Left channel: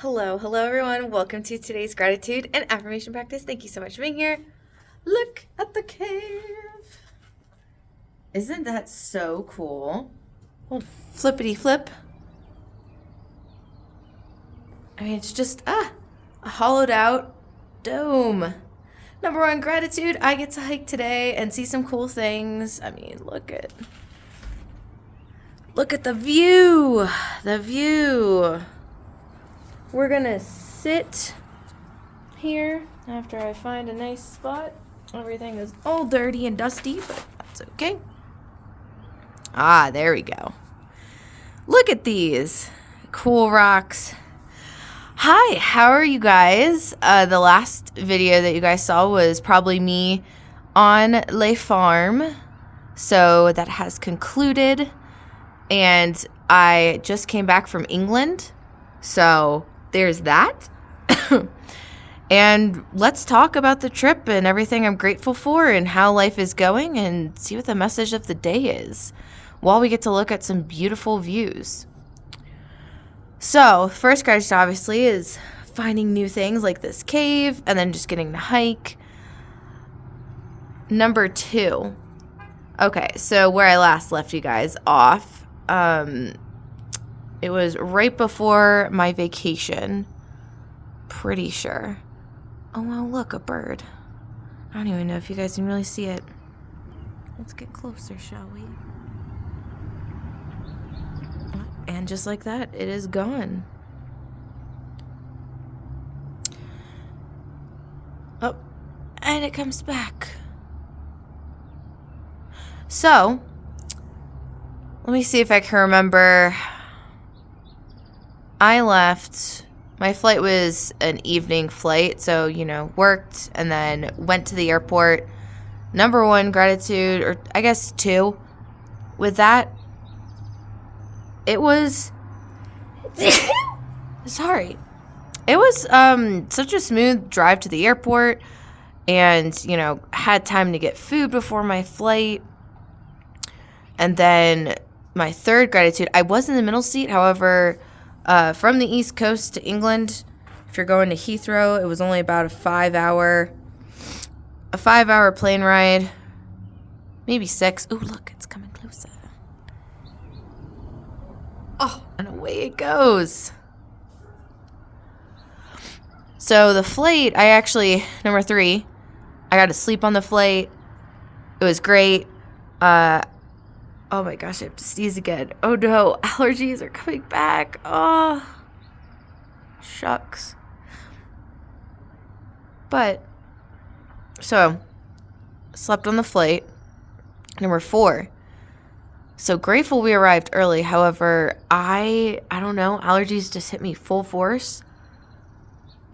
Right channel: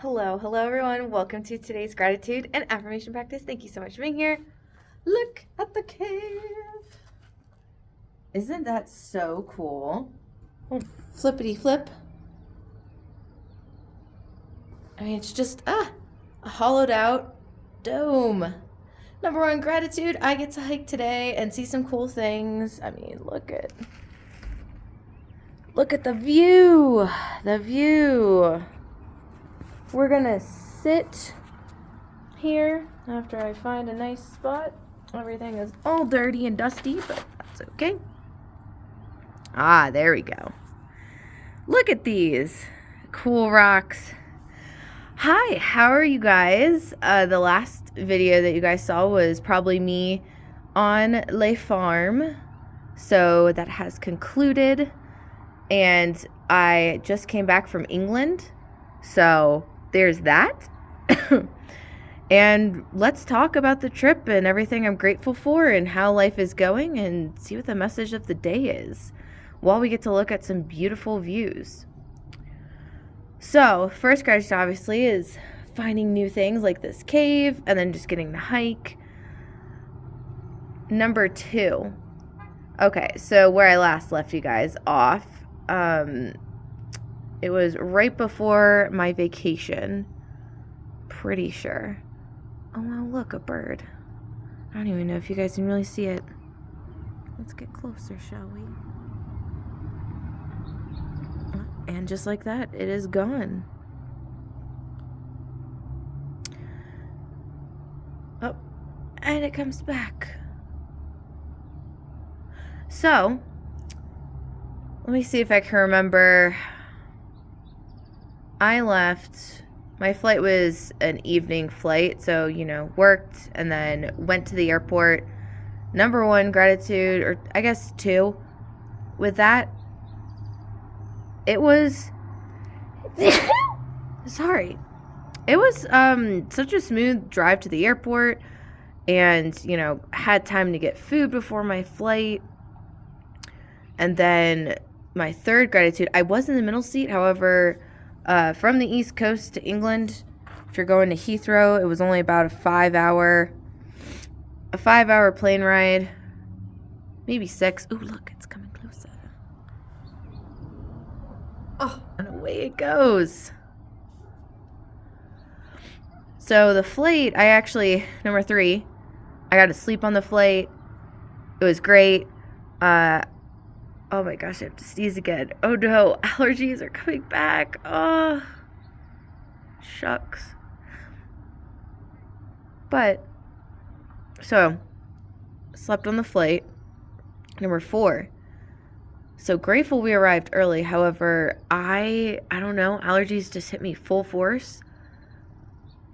Hello everyone. Welcome to today's gratitude and affirmation practice. Thank you so much for being here. Look at the cave. Isn't that so cool? Oh, flippity flip. I mean, it's just a hollowed out dome. Number one, gratitude. I get to hike today and see some cool things. I mean, look at the view. The view. We're gonna sit here after I find a nice spot. Everything is all dirty and dusty, but that's okay. Ah, there we go. Look at these cool rocks. Hi, how are you guys? The last video that you guys saw was probably me on Le Farm. So that has concluded. And I just came back from England. So there's that. And let's talk about the trip and everything I'm grateful for and how life is going and see what the message of the day is while we get to look at some beautiful views. So first gratitude obviously is finding new things like this cave and then just getting to hike. Number 2. Okay, so where I last left you guys off, it was right before my vacation. Pretty sure. Oh, well, look, a bird. I don't even know if you guys can really see it. Let's get closer, shall we? And just like that, it is gone. Oh, and it comes back. So, let me see if I can remember. I left. My flight was an evening flight, so, worked and then went to the airport. Number 1, gratitude, or I guess 2. With that, it was... Sorry. It was such a smooth drive to the airport and, had time to get food before my flight. And then my third gratitude, I was in the middle seat, however... from the East Coast to England, if you're going to Heathrow, it was only about a 5-hour plane ride, maybe 6. Ooh, look, it's coming closer. Oh, and away it goes. So the flight, number 3, I got to sleep on the flight. It was great. Oh my gosh, I have to sneeze again. Oh no, allergies are coming back. Oh, shucks. But, so, slept on the flight. Number 4. So grateful we arrived early. However, I don't know, allergies just hit me full force.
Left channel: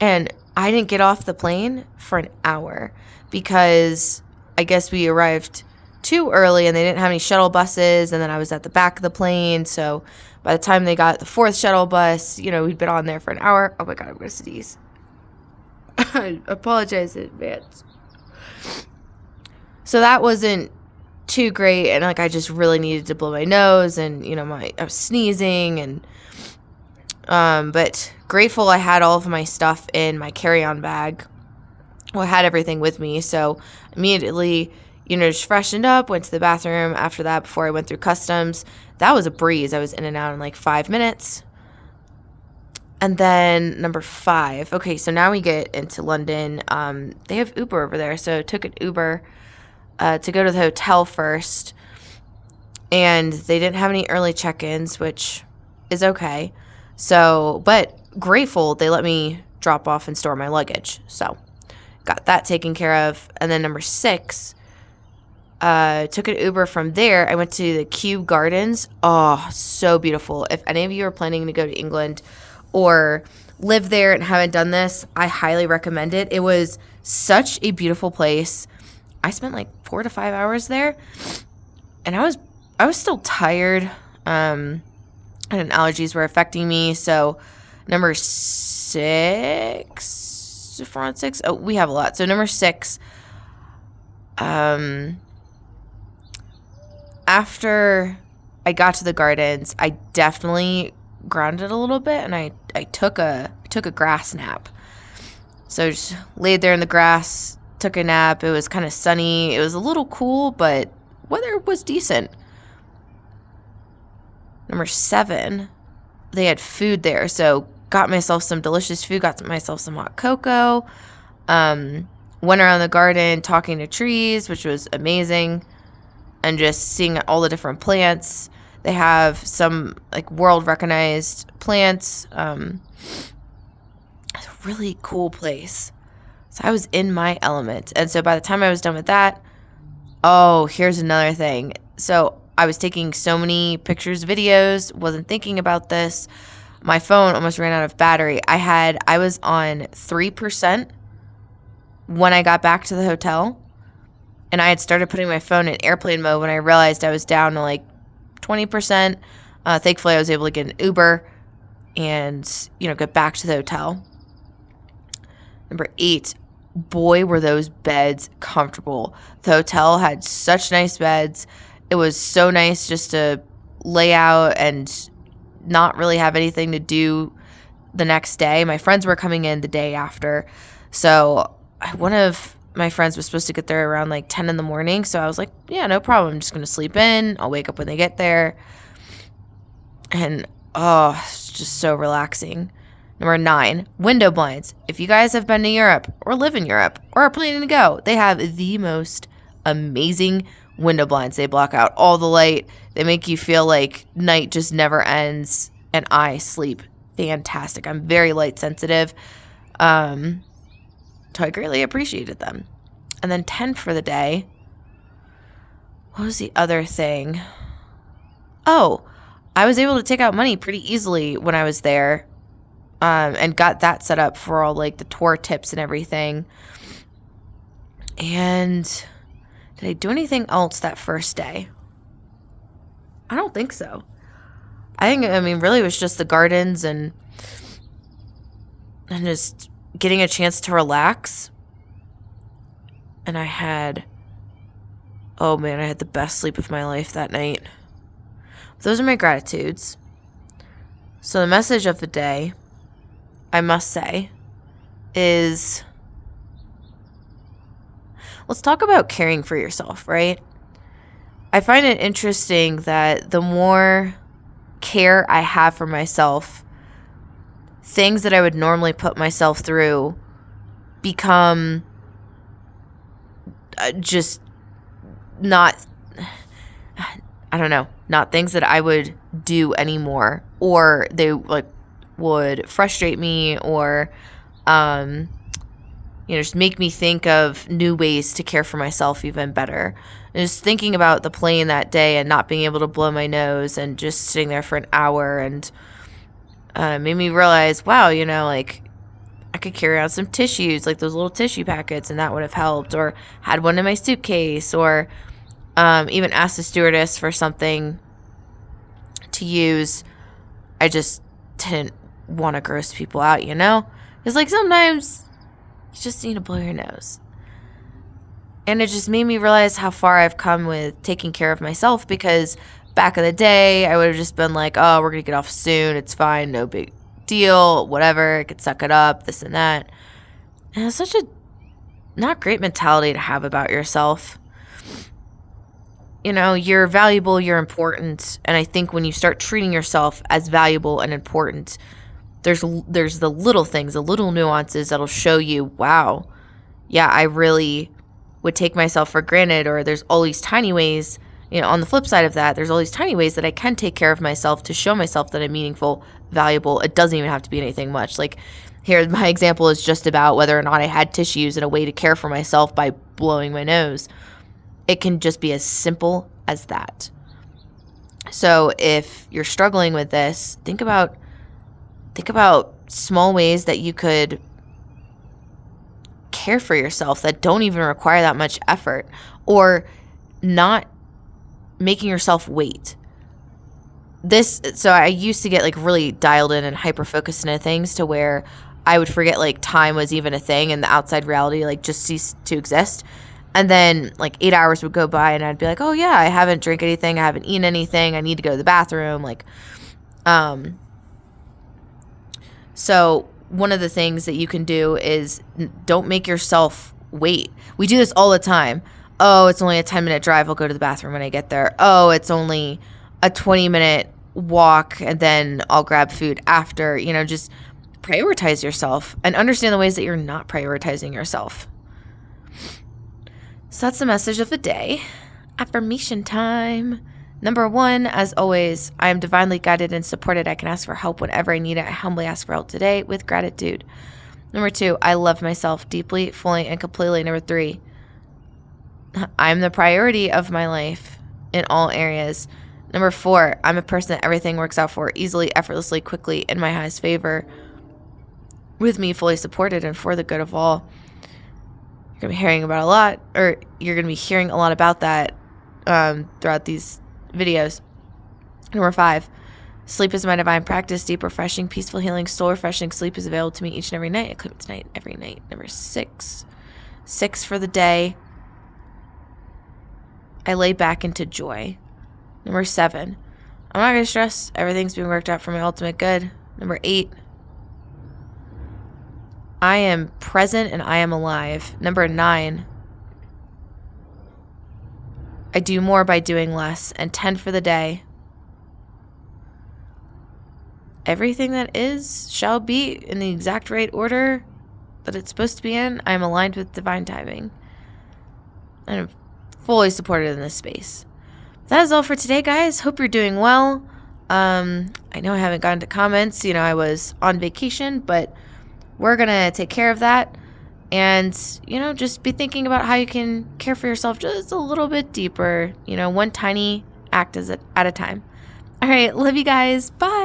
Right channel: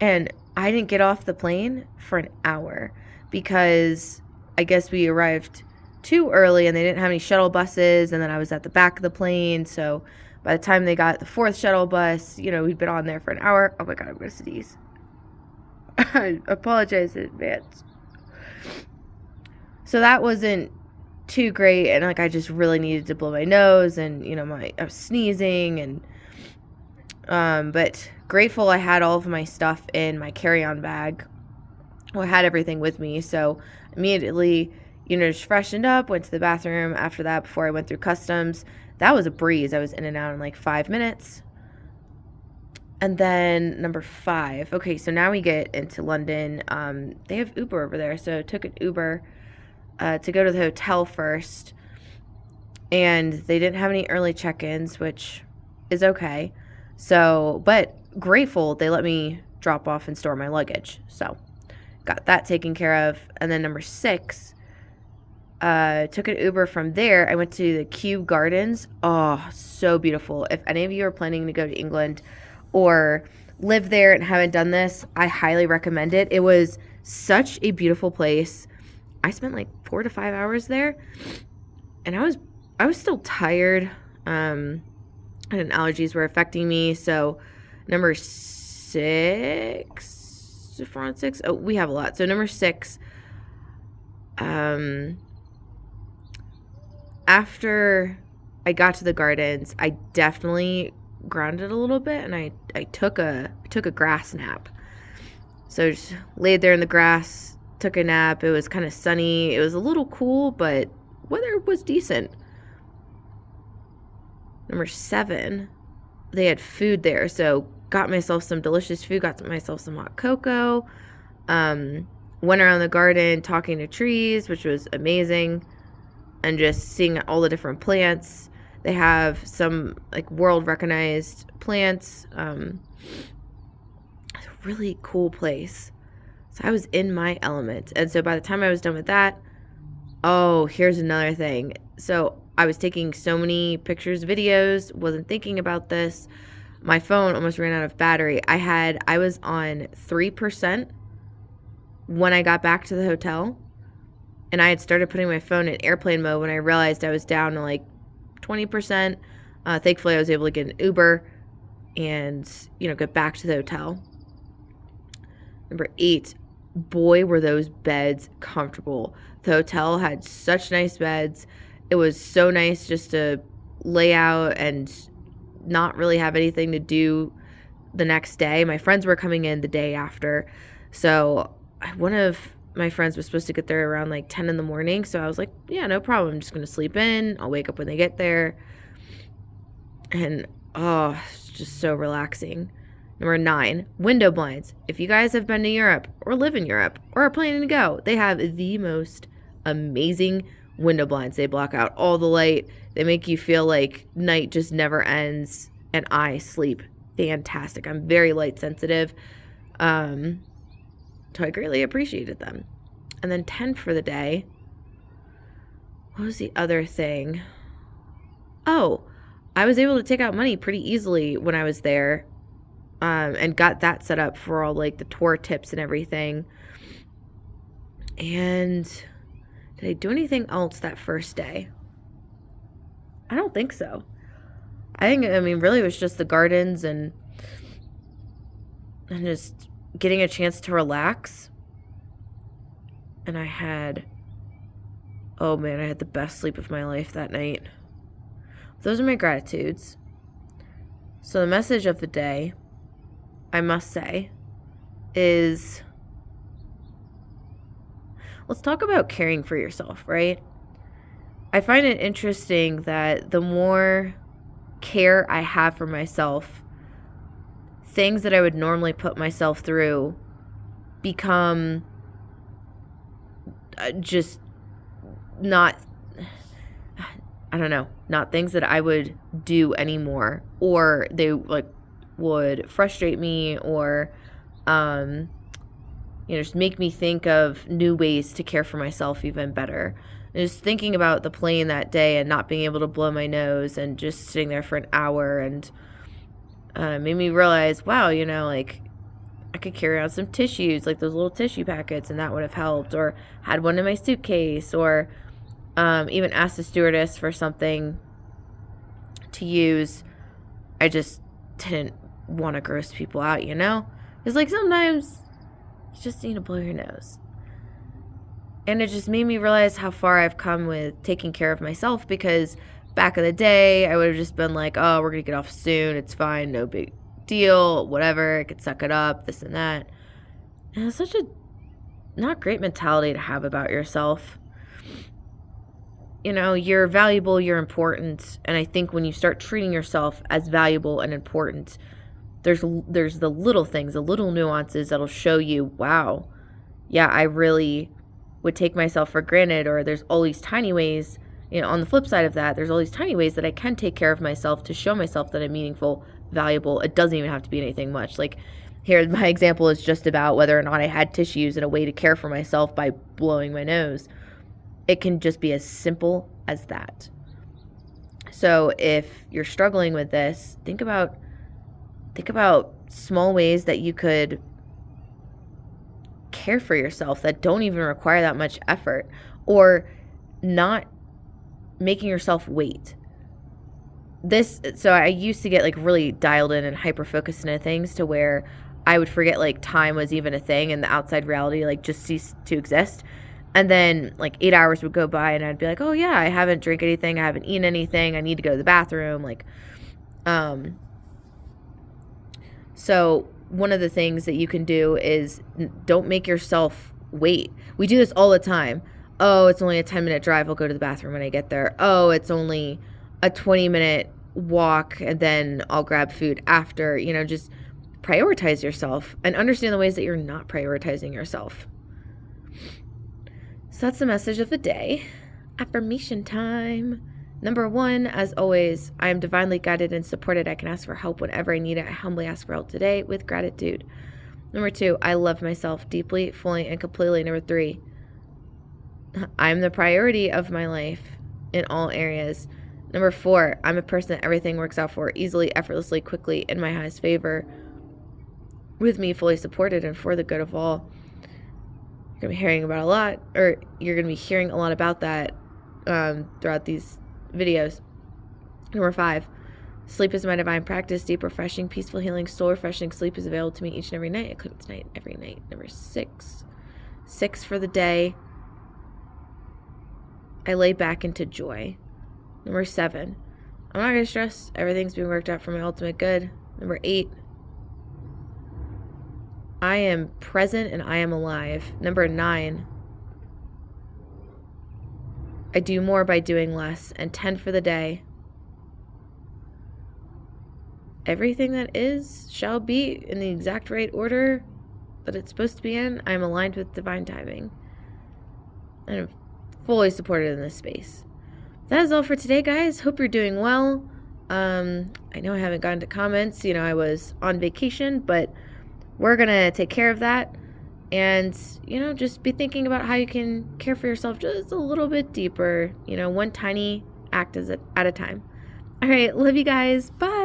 And I didn't get off the plane for an hour because I guess we arrived too early and they didn't have any shuttle buses, and then I was at the back of the plane, so by the time they got the 4th shuttle bus, we'd been on there for an hour. Oh my god, I'm gonna sneeze. I apologize in advance. So that wasn't too great, and I just really needed to blow my nose, and I was sneezing, and but grateful I had all of my stuff in my carry-on bag. Well, I had everything with me, so immediately just freshened up, went to the bathroom after that before I went through customs. That was a breeze. I was in and out in like 5 minutes. And then number 5. Okay, so now we get into London. They have Uber over there, so I took an Uber to go to the hotel first. And they didn't have any early check-ins, which is okay. So, but grateful they let me drop off and store my luggage. So, got that taken care of. And then number 6, took an Uber from there. I went to the Kew Gardens. Oh, so beautiful. If any of you are planning to go to England or live there and haven't done this, I highly recommend it. It was such a beautiful place. I spent like 4 to 5 hours there, and I was still tired. And allergies were affecting me. So number 6, 4 and 6. Oh, we have a lot. So number 6, after I got to the gardens, I definitely grounded a little bit, and I took a grass nap. So I just laid there in the grass, took a nap. It was kind of sunny. It was a little cool, but weather was decent. Number 7, they had food there, so got myself some delicious food, got myself some hot cocoa, went around the garden talking to trees, which was amazing, and just seeing all the different plants. They have some like world recognized plants. It's a really cool place. So I was in my element. And so by the time I was done with that, oh, here's another thing. So I was taking so many pictures, videos, wasn't thinking about this. My phone almost ran out of battery. I was on 3% when I got back to the hotel. And I had started putting my phone in airplane mode when I realized I was down to like 20%. Thankfully, I was able to get an Uber and, get back to the hotel. Number 8, boy, were those beds comfortable. The hotel had such nice beds. It was so nice just to lay out and not really have anything to do the next day. My friends were coming in the day after. So one of my friends was supposed to get there around like 10 in the morning. So I was like, yeah, no problem. I'm just going to sleep in. I'll wake up when they get there. And, it's just so relaxing. Number 9, window blinds. If you guys have been to Europe or live in Europe or are planning to go, they have the most amazing window blinds. They block out all the light. They make you feel like night just never ends. And I sleep fantastic. I'm very light sensitive. So I greatly appreciated them. And then 10 for the day. What was the other thing? Oh, I was able to take out money pretty easily when I was there. And got that set up for all like the tour tips and everything. And did I do anything else that first day? I don't think so. Really it was just the gardens and just getting a chance to relax. And I had the best sleep of my life that night. Those are my gratitudes. So the message of the day, I must say, is let's talk about caring for yourself, right? I find it interesting that the more care I have for myself, things that I would normally put myself through become just not things that I would do anymore, or they like would frustrate me, or just make me think of new ways to care for myself even better. And just thinking about the plane that day and not being able to blow my nose and just sitting there for an hour and made me realize, wow, I could carry out some tissues, like those little tissue packets, and that would have helped, or had one in my suitcase, or even asked the stewardess for something to use. I just didn't want to gross people out, It's like sometimes you just need to blow your nose. And it just made me realize how far I've come with taking care of myself, because back in the day, I would have just been like, oh, we're going to get off soon. It's fine. No big deal. Whatever. I could suck it up, this and that. And it's such a not great mentality to have about yourself. You're valuable, you're important. And I think when you start treating yourself as valuable and important, there's the little things, the little nuances that'll show you, wow, yeah, I really would take myself for granted. Or there's all these tiny ways, on the flip side of that, there's all these tiny ways that I can take care of myself to show myself that I'm meaningful, valuable. It doesn't even have to be anything much. Like here, my example is just about whether or not I had tissues and a way to care for myself by blowing my nose. It can just be as simple as that. So if you're struggling with this, think about small ways that you could care for yourself that don't even require that much effort, or not making yourself wait. So I used to get like really dialed in and hyper focused into things to where I would forget like time was even a thing and the outside reality like just ceased to exist. And then like 8 hours would go by and I'd be like, oh yeah, I haven't drank anything, I haven't eaten anything, I need to go to the bathroom. So one of the things that you can do is don't make yourself wait. We do this all the time. Oh, it's only a 10-minute drive. I'll go to the bathroom when I get there. Oh, it's only a 20-minute walk and then I'll grab food after. Just prioritize yourself and understand the ways that you're not prioritizing yourself. So that's the message of the day. Affirmation time. Number 1, as always, I am divinely guided and supported. I can ask for help whenever I need it. I humbly ask for help today with gratitude. Number 2, I love myself deeply, fully, and completely. Number 3, I'm the priority of my life in all areas. Number 4, I'm a person that everything works out for easily, effortlessly, quickly, in my highest favor, with me fully supported and for the good of all. You're going to be hearing about you're going to be hearing a lot about that throughout these videos. Number 5, sleep is my divine practice. Deep, refreshing, peaceful, healing, soul refreshing sleep is available to me each and every night. I claim it tonight, every night. Number 6 for the day, I lay back into joy. Number 7, I'm not going to stress. Everything's being worked out for my ultimate good. Number 8, I am present and I am alive. Number 9, I do more by doing less. And 10 for the day, everything that is shall be in the exact right order that it's supposed to be in. I am aligned with divine timing. And I'm fully supported in this space. That is all for today, guys. Hope you're doing well. I know I haven't gotten to comments. I was on vacation, but we're going to take care of that. And, just be thinking about how you can care for yourself just a little bit deeper. One tiny act at a time. All right. Love you guys. Bye.